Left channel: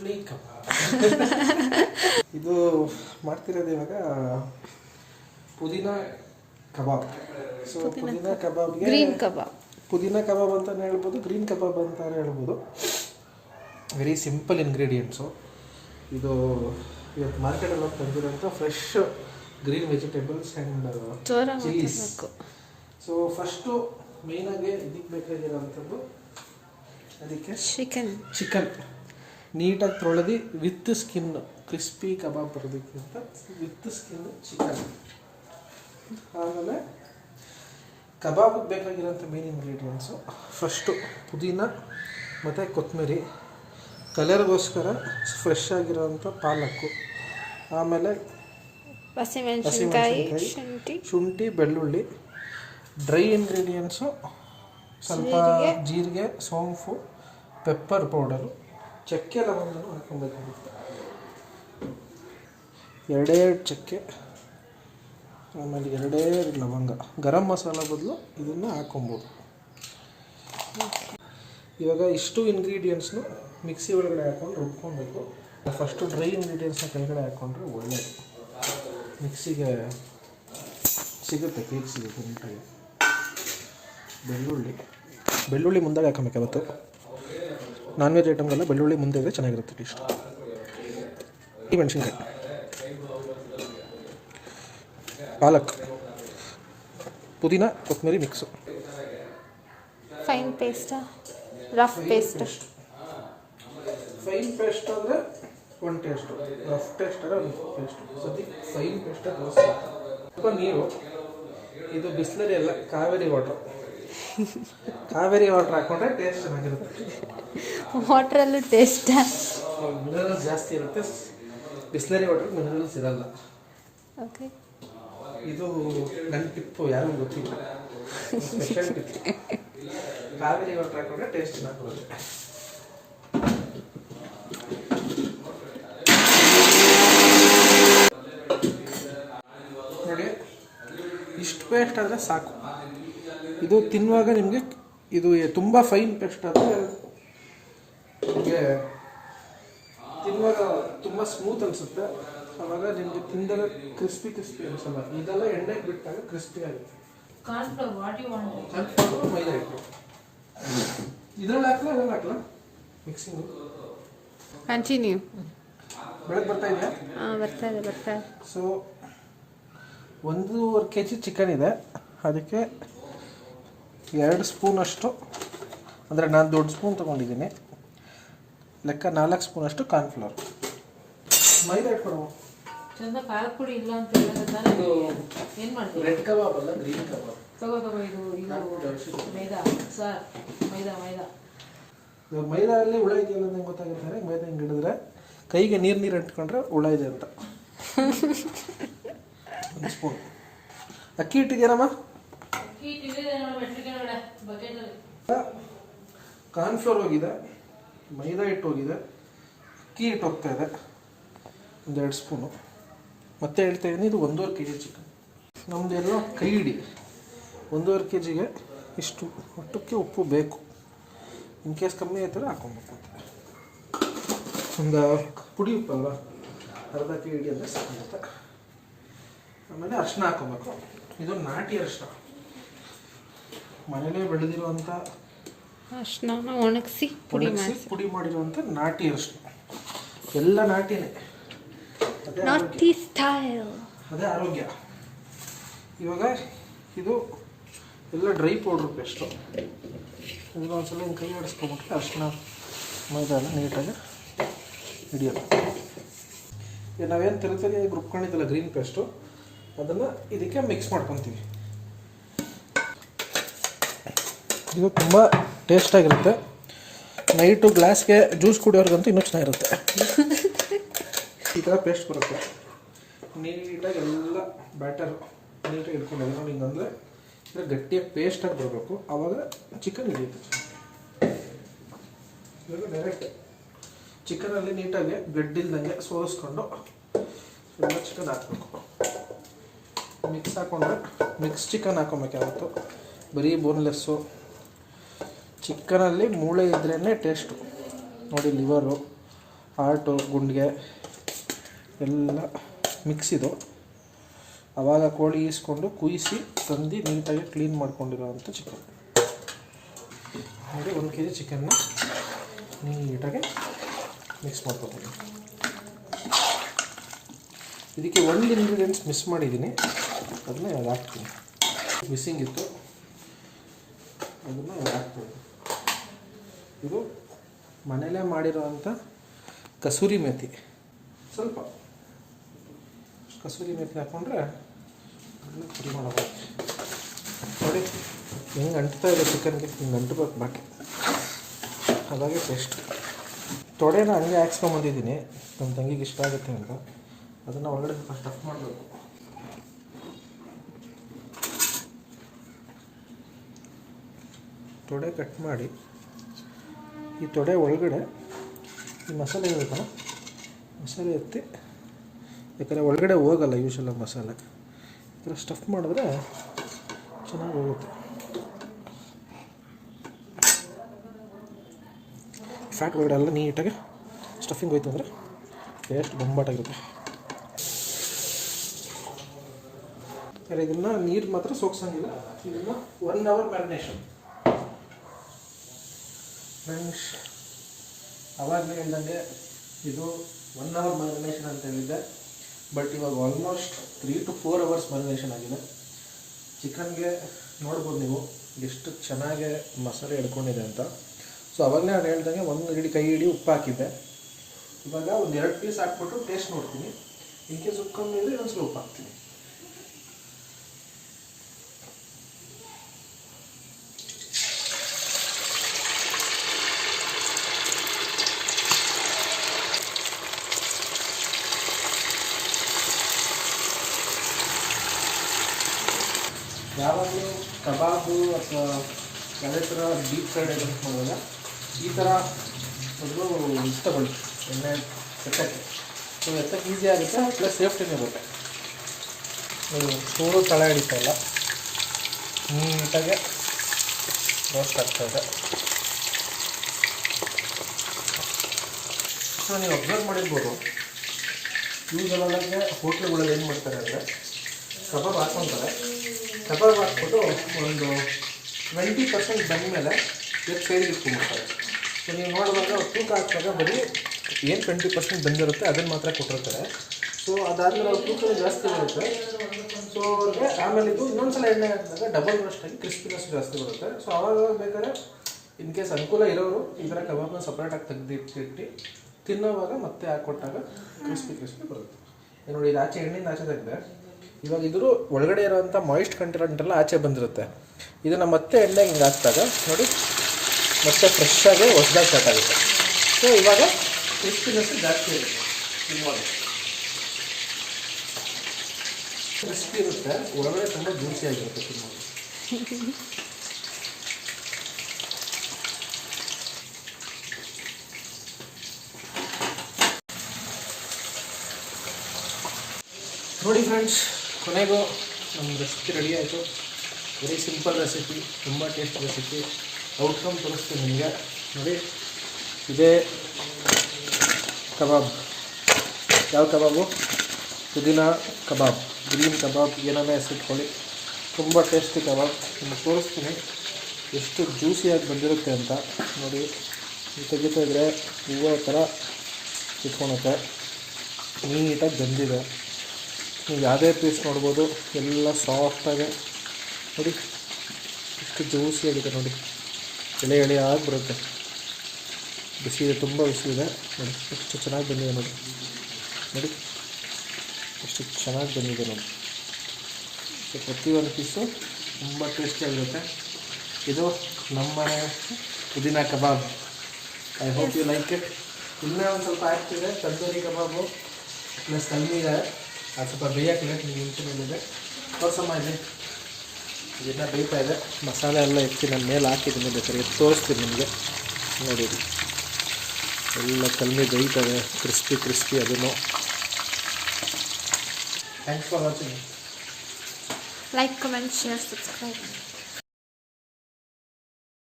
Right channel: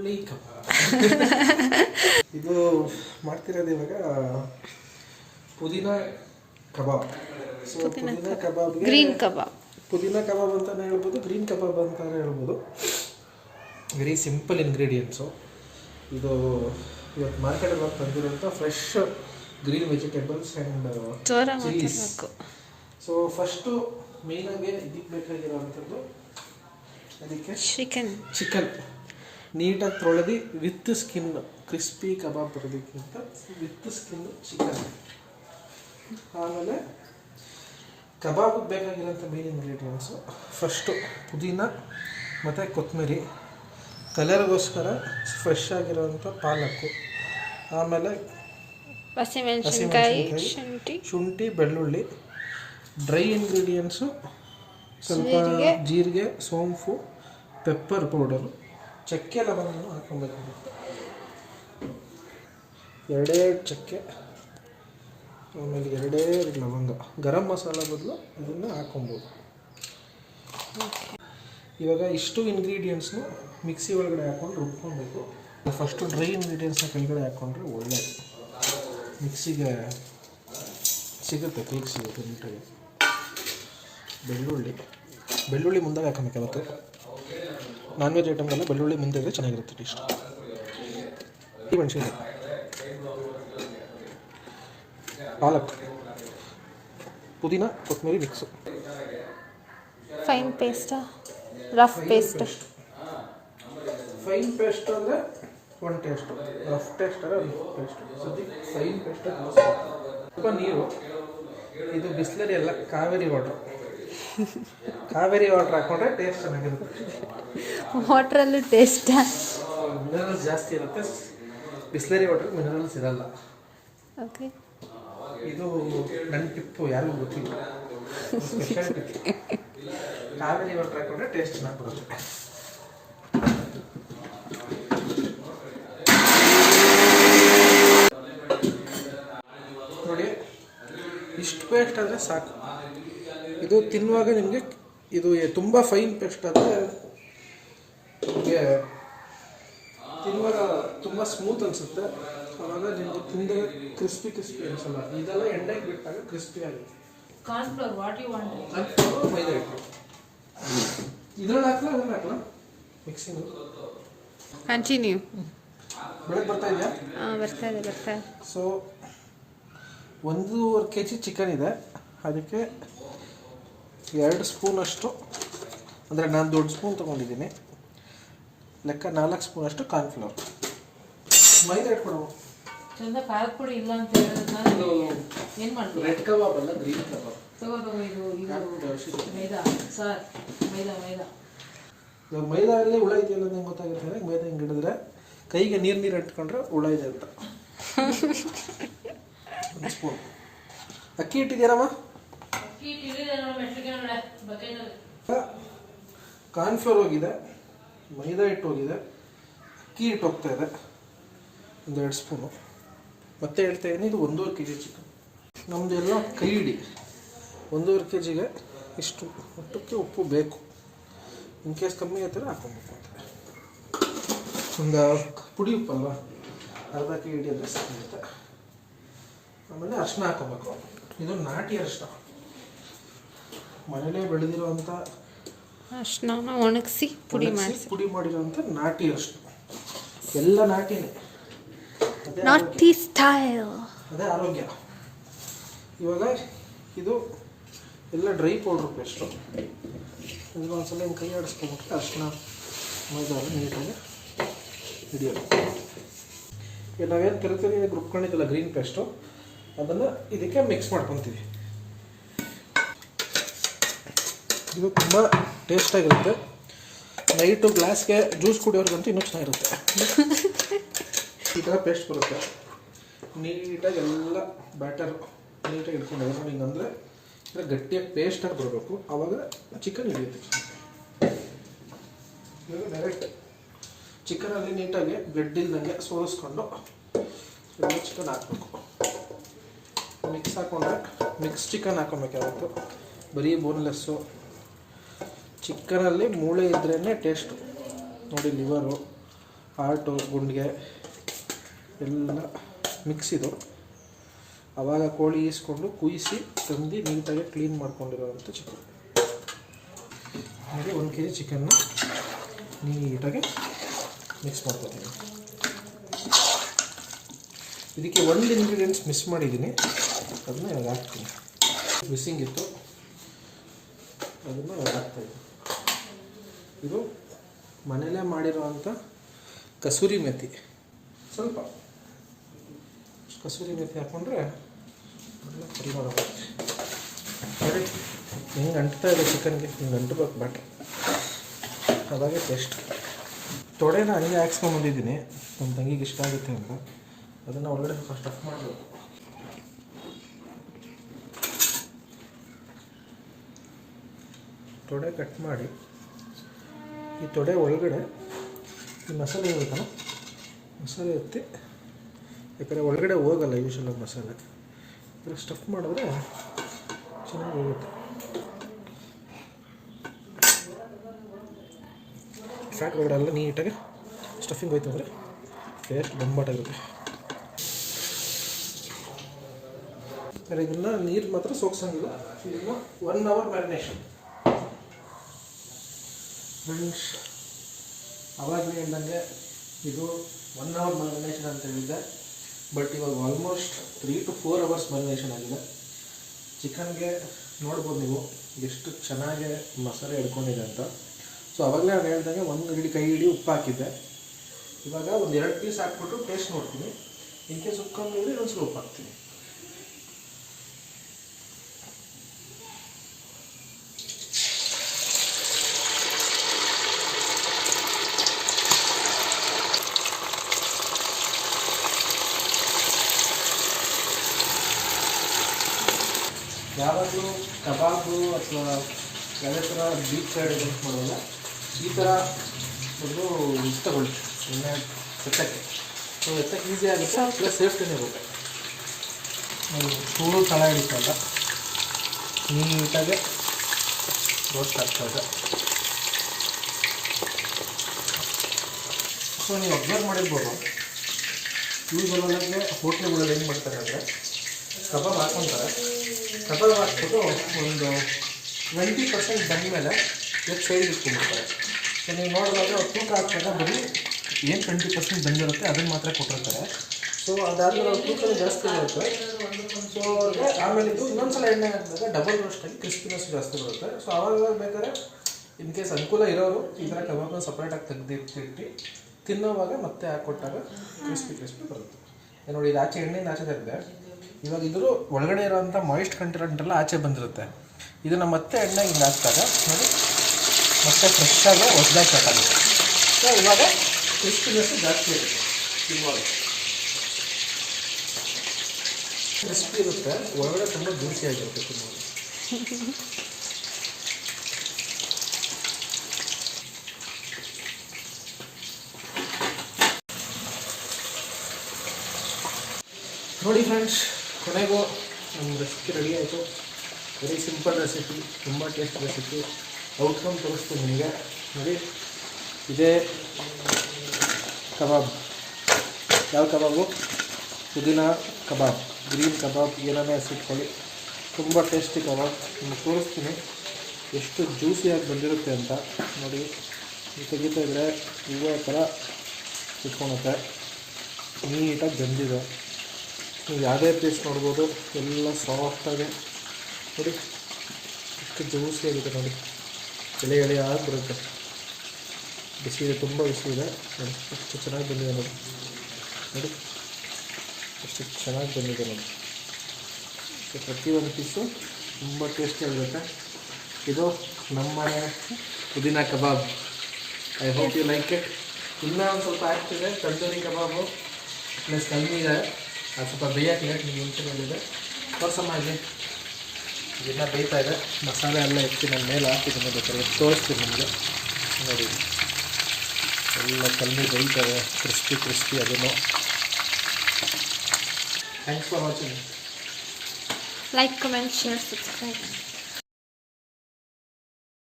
ಬೆಳ್ಳುಳ್ಳಿ ಕಬಾಬ್. ಇದು ಮಾಡ್ತಿರೋದು ಇವಾಗ ಪುದೀನ ಕಬಾಬ್. ಸೊ ಪುದೀನ ಕಬಾಬ್ಗೆ ಗ್ರೀನ್ ಕಬಾಬ್, ಪುದೀನ ಕಬಾಬ್ ಅಂತಲೇ ಹೇಳ್ಬೋದು, ಗ್ರೀನ್ ಕಬಾಬ್ ಅಂತಲೇ ಹೇಳ್ಬೋದು. Very simple ingredients. ಇದು ಇವತ್ತು ಮಾರ್ಕೆಟಲ್ಲಿ ಹೋಗಿ ತಂದಿರೋಂಥ fresh green vegetables and chillies. So first ಮೇಯ್ನಾಗಿ ಇದಕ್ಕೆ ಬೇಕಾಗಿರೋವಂಥದ್ದು ಅದಕ್ಕೆ ಚಿಕನ್ ನೀಟಾಗಿ ತೊಳೆದು ವಿತ್ ಸ್ಕಿನ್, ಕ್ರಿಸ್ಪಿ ಕಬಾಬ್ ಬರೋದಕ್ಕೆ ಅಂತ ವಿತ್ ಸ್ಕಿನ್ ಚಿಕನ್. ಆಮೇಲೆ ಕಬಾಬ್ಗೆ ಬೇಕಾಗಿರೋಂಥ ಮೇನ್ ಇಂಗ್ರೀಡಿಯೆಂಟ್ಸು ಫಸ್ಟು ಪುದೀನ ಮತ್ತು ಕೊತ್ತಂಬರಿ, ಕಲರ್ಗೋಸ್ಕರ ಫ್ರೆಶ್ ಆಗಿರೋವಂಥ ಪಾಲಕ್ಕು, ಆಮೇಲೆ ಹಸಿಮೆಣಸಿನ್ಕಾಯಿ, ಶುಂಠಿ, ಬೆಳ್ಳುಳ್ಳಿ, ಡ್ರೈ ಇಂಗ್ರೀಡಿಯೆಂಟ್ಸು ಸ್ವಲ್ಪ ಜೀರಿಗೆ, ಸೋಂಪು, ಪೆಪ್ಪರ್ ಪೌಡರು, ಚಕ್ಕೆ ಲವಂಗನೂ ಹಾಕ್ಕೊಬೇಕಾಗುತ್ತೆ. 2 ಚಕ್ಕೆ, ಆಮೇಲೆ 2 ಲವಂಗ. ಗರಂ ಮಸಾಲ ಬದಲು ಇದನ್ನು ಹಾಕ್ಕೊಬೋದು. ಇವಾಗ ಇಷ್ಟು ಇಂಗ್ರೀಡಿಯೆಂಟ್ಸ್ನು ಮಿಕ್ಸಿ ಒಳಗಡೆ ಹಾಕ್ಕೊಂಡು ರುಬ್ಕೊಬೇಕು. ಫಸ್ಟು ಡ್ರೈ ಇಂಗ್ರೀಡಿಯೆಂಟ್ಸ್ನ ಕೆಳಗಡೆ ಹಾಕ್ಕೊಂಡ್ರೆ ಒಳ್ಳೆಯದು, ಮಿಕ್ಸಿಗೆ ಸಿಗುತ್ತೆ, ಕೇಕ್ ಸಿಗುತ್ತೆ ನೀಟಾಗಿ. ಬೆಳ್ಳುಳ್ಳಿ ಮುಂದಾಗ ಹಾಕಬೇಕಾಗುತ್ತೆ. ನಾನ್ ವೆಜ್ ಐಟಮ್ಗೆಲ್ಲ ಬೆಳ್ಳುಳ್ಳಿ ಮುಂದೆ ಇದ್ದರೆ ಚೆನ್ನಾಗಿರುತ್ತೆ ಟೇಸ್ಟ್. ಮೆಣಸಿನ್ಕಾಯಿ, ಪಾಲಕ್, ಪುದೀನ, ಕೊತ್ತಂಬರಿ mix. Fine paste, rough paste. Fine paste ಅಂದರೆ ಒಂದು ಟೇಸ್ಟು, ರಫ್ ಟೇಸ್ಟ್ ಅಂದರೆ ಪೇಸ್ಟು. ಸದ್ಯಕ್ಕೆ ಫೈನ್ ಪೇಸ್ಟಾಗಿ ಸ್ವಲ್ಪ ನೀರು. ಇದು ಬಿಸ್ಲರಿ ಅಲ್ಲ, ಕಾವೇರಿ ವಾಟ್ರು. ಕಾವೇರಿ ವಾಟ್ರ್ ಹಾಕೊಂಡ್ರೆ ಟೇಸ್ಟ್ ಚೆನ್ನಾಗಿರುತ್ತೆ. ವಾಟ್ರಲ್ಲೂ ಟೇಸ್ಟಾ? ಮಿನರಲ್ಸ್ ಜಾಸ್ತಿ ಇರುತ್ತೆ. ಬಿಸ್ಲರಿ ವಾಟರ್ ಮಿನರಲ್ಸ್ ಇರಲ್ಲ. ಓಕೆ, ಇದು ನನ್ನ ಟಿಪ್ಪು, ಯಾರಿಗೂ ಗೊತ್ತಿಲ್ಲ, ಸ್ಪೆಷಲ್ ಟಿಪ್. ಕಾವೇರಿ ವಾಟರ್ ಹಾಕೊಂಡ್ರೆ ಟೇಸ್ಟ್ ಚೆನ್ನಾಗಿ ಬರುತ್ತೆ. ನೋಡಿ, ಇಷ್ಟು ಪೇಸ್ಟ್ ಆದರೆ ಸಾಕು. ಇದು ತಿನ್ನುವಾಗ ನಿಮಗೆ ಇದು ತುಂಬ ಫೈನ್ ಪೇಸ್ಟ್ ಆದರೆ ನಿಮಗೆ ತಿನ್ನುವಾಗ ತುಂಬ ಸ್ಮೂತ್ ಅನಿಸುತ್ತೆ. ಆವಾಗ ನಿಮಗೆ ತಿಂದಾಗ ಕ್ರಿಸ್ಪಿ ಅನಿಸಲ್ಲ. ಇದೆಲ್ಲ ಎಣ್ಣೆಗೆ ಬಿಟ್ಟಾಗ ಕ್ರಿಸ್ಪಿ ಆಗುತ್ತೆ. ಕಾರ್ನ್ಫ್ಲೋರ್, ಮೈದಾ ಹಿಟ್ಟು ಇದ್ರಲ್ಲಿ ಹಾಕಲ್ಲ, ಇದ್ರಲ್ಲಿ ಹಾಕಲ್ಲ, ಮಿಕ್ಸಿಂಗು. ಕಂಟಿನ್ಯೂ. ಬೆಳಗ್ಗೆ ಬರ್ತಾ ಇದೆಯಾ? ಬರ್ತಾ ಇದೆ. ಸೊ 1.5 kg ಚಿಕನ್ ಇದೆ. ಅದಕ್ಕೆ 2 ಸ್ಪೂನಷ್ಟು, ಅಂದರೆ ನಾನು ದೊಡ್ಡ ಸ್ಪೂನ್ ತೊಗೊಂಡಿದ್ದೀನಿ, ಲೆಕ್ಕ 4 ಸ್ಪೂನಷ್ಟು ಕಾರ್ನ್ಫ್ಲೋರ್. ಮೈದಾ ಇಟ್ಕೊಡೋ ಚಂದ ಖಾರದ ಪುಡಿ ಇಲ್ಲ ಅಂತ ಹೇಳಿದ್ರೆ ಏನು ಮಾಡ್ತೀವಿ? ರೆಡ್ ಕಬಾಬ್ ಅಲ್ಲ, ಗ್ರೀನ್ ಕಬಾಬ್. ತಗೋ ಮೈದಾ ಸರ್, ಮೈದಾ ಇವಾಗ ಮೈದಾದಲ್ಲಿ ಹುಳ ಇದೆ ಅನ್ನೋದು ಹೆಂಗೆ ಗೊತ್ತಾಗುತ್ತೆ? ಮೈದಾ ಹಿಂಗೆ ಹಿಡಿದ್ರೆ ಕೈಗೆ ನೀರು ಇಟ್ಕೊಂಡ್ರೆ ಹುಳ ಇದೆ ಅಂತ. 1 ಸ್ಪೂನ್ ಅಕ್ಕಿ ಹಿಟ್ಟಿದೆಯೇನಮ್ಮ? ಕಾರ್ನ್ಫ್ಲೋರ್ ಹೋಗಿದೆ, ಮೈದಾ ಹಿಟ್ಟು ಹೋಗಿದೆ, ಅಕ್ಕಿ ಹಿಟ್ಟು ಹೋಗ್ತಾ ಇದೆ 1-2 ಸ್ಪೂನು. ಮತ್ತೆ ಹೇಳ್ತಾ ಇದ್ದೀನಿ, ಇದು 1.5 kg ಚಿಕನ್. ನಮ್ಮದು ಎಲ್ಲ ಕೈ ಹಿಡಿ. 1.5 kgಗೆ ಇಷ್ಟು ಊಟಕ್ಕೆ ಉಪ್ಪು ಬೇಕು. ಇನ್ ಕೇಸ್ ಕಮ್ಮಿ ಆಯ್ತಾರೆ ಹಾಕ್ಕೊಬೇಕು. ಒಂದು ಪುಡಿ ಉಪ್ಪಲ್ವ, ಅರ್ಧ kg ಅಂದರೆ ಸಾಕಾಗುತ್ತೆ. ಆಮೇಲೆ ಅರಿಶಿನ ಹಾಕ್ಕೊಬೇಕು. ಇದು ನಾಟಿ ಅರಿಶಿನ, ಮನೇಲೇ ಬೆಳೆದಿರುವಂಥ ಅರಿಶಿನ ಒಣಗಿಸಿ ಪುಡಿ ಮಾಡಿರುವಂಥ ನಾಟಿ ಅರಿಶಿನ. ಎಲ್ಲ ನಾಟಿನೇ, ನಾಟಿ ಸ್ಟೈಲ್, ಅದೇ ಆರೋಗ್ಯ. ಇವಾಗ ಇದು ಎಲ್ಲ ಡ್ರೈ ಪೌಡ್ರ್ ಪೇಸ್ಟು. ಇದೊಂದ್ಸಲ ಹಿಂಗೆ ಕೈ ಆಡಿಸ್ಕೊಂಬಿಟ್ರೆ ಅರಿಶಿನ ಮೈದಾ ಎಲ್ಲ ನೀಟಾಗಿ ಹಿಡಿಯೋದು. ನಾವೇನು ತರಿಯಾಗಿ ರುಬ್ಕೊಂಡಿದ್ದಲ್ಲ ಗ್ರೀನ್ ಪೇಸ್ಟು, ಅದನ್ನು ಇದಕ್ಕೆ ಮಿಕ್ಸ್ ಮಾಡ್ಕೊತೀವಿ. ಇದು ತುಂಬ ಟೇಸ್ಟಾಗಿರುತ್ತೆ. ನೈಟು ಗ್ಲಾಸ್ಗೆ ಜ್ಯೂಸ್ ಕುಡಿಯೋರ್ಗಂತೂ ಇನ್ನೂ ಚೆನ್ನಾಗಿರುತ್ತೆ. ಈ ಥರ ಪೇಸ್ಟ್ ಬರುತ್ತೆ. ನೀಟಾಗಿ ಎಲ್ಲ ಬ್ಯಾಟರ್ ನೀಟಾಗಿ ಇಟ್ಕೊಂಡು ನೋಡಿ, ಹಿಂಗಂದರೆ ಗಟ್ಟಿಯಾಗಿ ಪೇಸ್ಟಾಗಿ ಬರಬೇಕು. ಆವಾಗ ಚಿಕನ್ ಹಿಡಿಯುತ್ತೆ. ಇವಾಗ ಡೈರೆಕ್ಟ್ ಚಿಕನಲ್ಲಿ ನೀಟಾಗಿ ಗಡ್ಡಿಲ್ದಂಗೆ ಸೋರಿಸ್ಕೊಂಡು ಎಲ್ಲ ಚಿಕನ್ ಹಾಕಬೇಕು. ಮಿಕ್ಸ್ ಹಾಕ್ಕೊಂಡ್ರೆ ಮಿಕ್ಸ್ ಚಿಕನ್ ಹಾಕ್ಕೊಬೇಕಾಗಿತ್ತು. ಬರೀ ಬೋನ್ಲೆಸ್ಸು ಚಿಕನಲ್ಲಿ ಮೂಳೆ ಇದ್ರೇ ಟೇಸ್ಟು. ನೋಡಿ, ಲಿವರು, ಹಾರ್ಟು ಗುಂಡಿಗೆ ಎಲ್ಲ ಮಿಕ್ಸ್ ಇದು. ಆವಾಗ ಕೋಳಿ ಈಸ್ಕೊಂಡು ಕುಯಿಸಿ ತಂದು ನೀಟಾಗಿ ಕ್ಲೀನ್ ಮಾಡ್ಕೊಂಡಿರೋವಂಥ ಚಿಕನ್. ಹಾಗೆ 1 kg ಚಿಕನ್ನ ನೀಟಾಗಿ ಮಿಕ್ಸ್ ಮಾಡ್ಕೊತೀನಿ. ಇದಕ್ಕೆ ಒಂದು ಇಂಗ್ರೀಡಿಯೆಂಟ್ಸ್ ಮಿಸ್ ಮಾಡಿದ್ದೀನಿ, ಅದನ್ನ ಇವಾಗ ಹಾಕ್ತೀನಿ. ಮಿಸ್ಸಿಂಗ್ ಇತ್ತು, ಅದನ್ನು ಇವಾಗ ಹಾಕ್ತೀನಿ. ಇದು ಮನೆಯಲ್ಲೇ ಮಾಡಿರೋವಂಥ ಕಸೂರಿ ಮೆಥಿ. ಸ್ವಲ್ಪ ಕಸೂರಿ ಮೆಥಿ ಹಾಕ್ಕೊಂಡ್ರೆ ಒಳ್ಳೆ ಪರಿಮಳ ಬರುತ್ತೆ. ನೋಡಿ ಹಿಂಗೆ ಅಂಟ್ತಾ ಇದೆ ಚಿಕನ್ಗೆ, ಹಿಂಗೆ ಅಂಟಬೇಕು ಬಾಕಿ, ಹಾಗಾಗಿ ಟೇಸ್ಟ್. ತೊಡೆನ ಹಂಗೆ ಹಾಕ್ಸ್ಕೊಂಬಂದಿದ್ದೀನಿ, ನಮ್ಮ ತಂಗಿಗೆ ಇಷ್ಟ ಆಗುತ್ತೆ ಅಂತ. ಅದನ್ನು ಒಳಗಡೆ ಸ್ವಲ್ಪ ಸ್ಟಫ್ ಮಾಡಬೇಕು. ತೊಡೆ ಕಟ್ ಮಾಡಿ ಈ ತೊಡೆ ಒಳಗಡೆ ಈ ಮಸಾಲೆ ಇರುತ್ತಲ್ಲ, ಮಸಾಲೆ ಎತ್ತಿ, ಯಾಕಂದರೆ ಒಳಗಡೆ ಹೋಗಲ್ಲ ಯೂಶಲ್ಲ ಮಸಾಲೆ, ಇದರ ಸ್ಟಫ್ ಮಾಡಿದ್ರೆ ಚೆನ್ನಾಗಿ ಹೋಗುತ್ತೆ. ಫ್ಯಾಟ್ ಒಳಗಡೆ ಎಲ್ಲ ನೀಟಾಗಿ ಸ್ಟಫಿಂಗ್ ಹೋಯ್ತು ಅಂದರೆ ಟೇಸ್ಟ್ ಬೊಂಬಾಟಾಗಿರುತ್ತೆ. ಸರಿ, ಇದನ್ನು ನೀರು ಮಾತ್ರ ಸೋಗ್ಸಂಗಿಲ್ಲ. ಇದನ್ನು 1 hour ಮ್ಯಾರಿನೇಷನ್. ಫ್ರೆಂಡ್ಸ್, ಆವಾಗಲೇ ಹೇಳ್ದಂಗೆ ಇದು 1 hour ಮ್ಯಾರಿನೇಷನ್ ಅಂತ ಹೇಳಿದ್ದೆ, ಬಟ್ ಇವಾಗ ಆಲ್ಮೋಸ್ಟ್ 3 to 4 hours ಮ್ಯಾರಿನೇಷನ್ ಆಗಿದೆ. ಚಿಕನ್ಗೆ ನೋಡ್ಬೋದು ನೀವು ಎಷ್ಟು ಚೆನ್ನಾಗಿ ಮಸಾಲೆ ಎಡ್ಕೊಂಡಿದೆ ಅಂತ. ಸೊ ಆವಾಗಲೇ ನಾನು ಹೇಳ್ದಂಗೆ 1 ಕೈ ಹಿಡಿ ಉಪ್ಪು ಹಾಕಿದ್ದೆ. ಇವಾಗ ಒಂದು 2 ಪೀಸ್ ಹಾಕ್ಬಿಟ್ಟು ಟೇಸ್ಟ್ ನೋಡ್ತೀನಿ. ಇನ್ ಕೇಸ್ ಉಪ್ಪು ಕಮ್ಮಿ ಇದ್ದರೆ ಇನ್ನೊಂದು ಸ್ವಲ್ಪ ಉಪ್ಪು ಹಾಕ್ತೀನಿ. ಯಾವಾಗಲೂ ಕಬಾಬು ಅಥವಾ ಯಾವುದೇ ಥರ ಡೀಪ್ ಫ್ರೈಡ್ ಐಟಮ್ಸ್ ಮಾಡೋಲ್ಲ, ಈ ಥರ ಒಂದು ಇದು ತಗೊಳ್ಳಿ, ಎಣ್ಣೆ ಎತ್ತಕ್ಕೆ. ಸೊ ಎತ್ತಕ್ಕೆ ಈಸಿ ಆಗುತ್ತೆ, ಪ್ಲಸ್ ಸೇಫ್ಟಿನೇ ಇರುತ್ತೆ. ನೀವು ಚೂರು ತಳ ಹಿಡಿತಲ್ಲ, ನೀಟಾಗೆ ರೋಸ್ಟ್ ಆಗ್ತಾಯಿದೆ. ಸೊ ನೀವು ಅಬ್ಸರ್ವ್ ಮಾಡಿರ್ಬೋದು, ಯೂಶಲಾಗೆ ಹೋಟ್ಲುಗಳಲ್ಲಿ ಏನು ಮಾಡ್ತಾರೆ ಅಂದರೆ ಕಬಾಬ್ ಹಾಕ್ಕೊತಾರೆ. ಕಬಾಬ್ ಹಾಕ್ಬಿಟ್ಟು ಒಂದು 20% ಬಂದಮೇಲೆ ಲೆಫ್ಟ್ ಸೈಡಿಗೆ ಇಟ್ಕೊಂಡ್ಬಿಡ್ತಾರೆ. ಸೊ ನೀವು ನೋಡಿದಾಗ ತೂಕ ಹಾಕಿದಾಗ ಬರೀ ಏನು 20% ಬಂದಿರುತ್ತೆ ಅದನ್ನು ಮಾತ್ರ ಕೊಟ್ಟಿರ್ತಾರೆ. ಸೊ ಅದಾದಮೇಲೆ ಅವ್ರ ತೂಕನೂ ಜಾಸ್ತಿ ಇರುತ್ತೆ. ಸೊ ಅವ್ರಿಗೆ ಆಮೇಲೆ ಇದು ಇನ್ನೊಂದ್ಸಲ ಎಣ್ಣೆ ಹಾಕಿದಾಗ ಡಬಲ್ ರೋಸ್ಟಾಗಿ ಕ್ರಿಸ್ಪಿನೆಸ್ ಜಾಸ್ತಿ ಬರುತ್ತೆ. ಸೊ ಆವಾಗ ಬೇಕಾದ್ರೆ ಇನ್ ಕೇಸ್ ಅನುಕೂಲ ಇರೋರು ಈ ಥರ ಕಬಾಬ್ನ ಸಪ್ರೇಟಾಗಿ ತೆಗೆದಿಟ್ಟು ತಿನ್ನೋವಾಗ ಮತ್ತೆ ಹಾಕ್ಕೊಟ್ಟಾಗ ಕ್ರಿಸ್ಪಿ ಬರುತ್ತೆ. ನೋಡಿ, ಇದು ಆಚೆ ಎಣ್ಣೆಯಿಂದ ಆಚೆ ತೆಗೆದೆ. ಇವಾಗ ಇದ್ರ ಒಳಗಡೆ ಇರೋವಂಥ ಮಾಯಿಸ್ಟ್ ಕಂಟೆಂಟ್ ಎಲ್ಲ ಆಚೆ ಬಂದಿರುತ್ತೆ. ಇದನ್ನು ಮತ್ತೆ ಎಣ್ಣೆ ಹಿಂಗೆ ಹಾಕಿದಾಗ ನೋಡಿ ಮತ್ತೆ ಫ್ರೆಶ್ಶಾಗಿ ಹೊಸದಾಗಿ ಸ್ಟಾರ್ಟ್ ಆಗುತ್ತೆ. ಸೊ ಇವಾಗ ಕ್ರಿಸ್ಪಿನೆಸ್ ಜಾಸ್ತಿ ಇರುತ್ತೆ, ತಿನ್ನುವಾಗ ಕ್ರಿಸ್ಪಿ ಇರುತ್ತೆ, ಒಳಗಡೆ ತುಂಬ ಜ್ಯೂಸಿ ಆಗಿರುತ್ತೆ ತಿನ್ನುವಾಗ. ನೋಡಿ ಫ್ರೆಂಡ್ಸ್, ಕೊನೆಗೂ ನಮ್ಮ ರೆಸಿಪಿ ರೆಡಿ ಆಯಿತು. ವೆರಿ ಸಿಂಪಲ್ ರೆಸಿಪಿ, ತುಂಬ ಟೇಸ್ಟ್ ರೆಸಿಪಿ. ಔಟ್ಕಮ್ ತೋರಿಸ್ತೀನಿ ನಿಮಗೆ. ನೋಡಿ, ಇದೇ ಕಬಾಬ್. ಯಾವ ಕಬಾಬು? ಪುದೀನ ಕಬಾಬ್, ಗ್ರೀನ್ ಕಬಾಬ್, ಏನಾನೇ ಹೆಸರಿಟ್ಕೊಳ್ಳಿ. ತುಂಬ ಟೇಸ್ಟಿ ಕಬಾಬ್. ನಿಮಗೆ ತೋರಿಸ್ತೀನಿ ಎಷ್ಟು ಜ್ಯೂಸಿಯಾಗಿ ಬಂದಿರುತ್ತೆ ಅಂತ. ನೋಡಿ, ಇದು ತೆಗಿತಾ ಇದ್ದರೆ ಹೂವು ಥರ ಇಟ್ಕೊಳುತ್ತೆ, ನೀಟಾಗಿ ಬಂದಿದೆ. ನೀವು ಯಾವುದೇ ಪೀಸ್ ನೋಡ್ಬೋದು, ಎಲ್ಲ ಸಾಫ್ಟಾಗಿ ನೋಡಿ ಎಷ್ಟು ಜ್ಯೂಸಿಯಾಗಿದೆ. ನೋಡಿ, ಎಳೆ ಆಗಿ ಬರುತ್ತೆ. ಬಿಸಿ ಇದೆ, ತುಂಬ ಬಿಸಿ ಇದೆ. ನೋಡಿ ಎಷ್ಟು ಚೆನ್ನಾಗಿ ಬಂದಿದೆ. ನೋಡಿ ಎಷ್ಟು ಚೆನ್ನಾಗಿ ಬಂದಿದೆ. ನೋಡಿ, ಸೊ ಪ್ರತಿಯೊಂದು ಪೀಸು ತುಂಬ ಟೇಸ್ಟಿಯಾಗಿರುತ್ತೆ. ಇದು ನಮ್ಮನೆ ಪುದೀನ kebab. I hope you like it. ಇನ್ನೂ ಒಂದು ಸ್ವಲ್ಪ ಆಗ್ತಿದೆ ತಂದೂರಿ ಕಬಾಬು ಪ್ಲಸ್ ಕಮ್ಮಿದೆ, ಅದು ಸ್ವಲ್ಪ ಬೇಯಕ್ಕಿದೆ. ನಿಮ್ಗೆ ಮುಂಚೆನಲ್ಲಿದೆ ತೋರ್ಸಮ್ಮ. ಇದೆ ಇದನ್ನು ಬೇಯ್ತಾ ಇದೆ. ಮಸಾಲೆ ಎಲ್ಲ ಎತ್ತಿ ನನ್ನ ಮೇಲೆ ಹಾಕಿದ್ದೀನಿ, ಬೇಕಾದ್ರೆ ತೋರಿಸ್ತೀನಿ ನಿಮಗೆ. ನೋಡಿ, ಎಲ್ಲ ಕಮ್ಮಿ ಬೇಯ್ತದೆ, ಕ್ರಿಸ್ಪಿ ಅದನ್ನು. Thanks for watching. Like, comment, share, subscribe.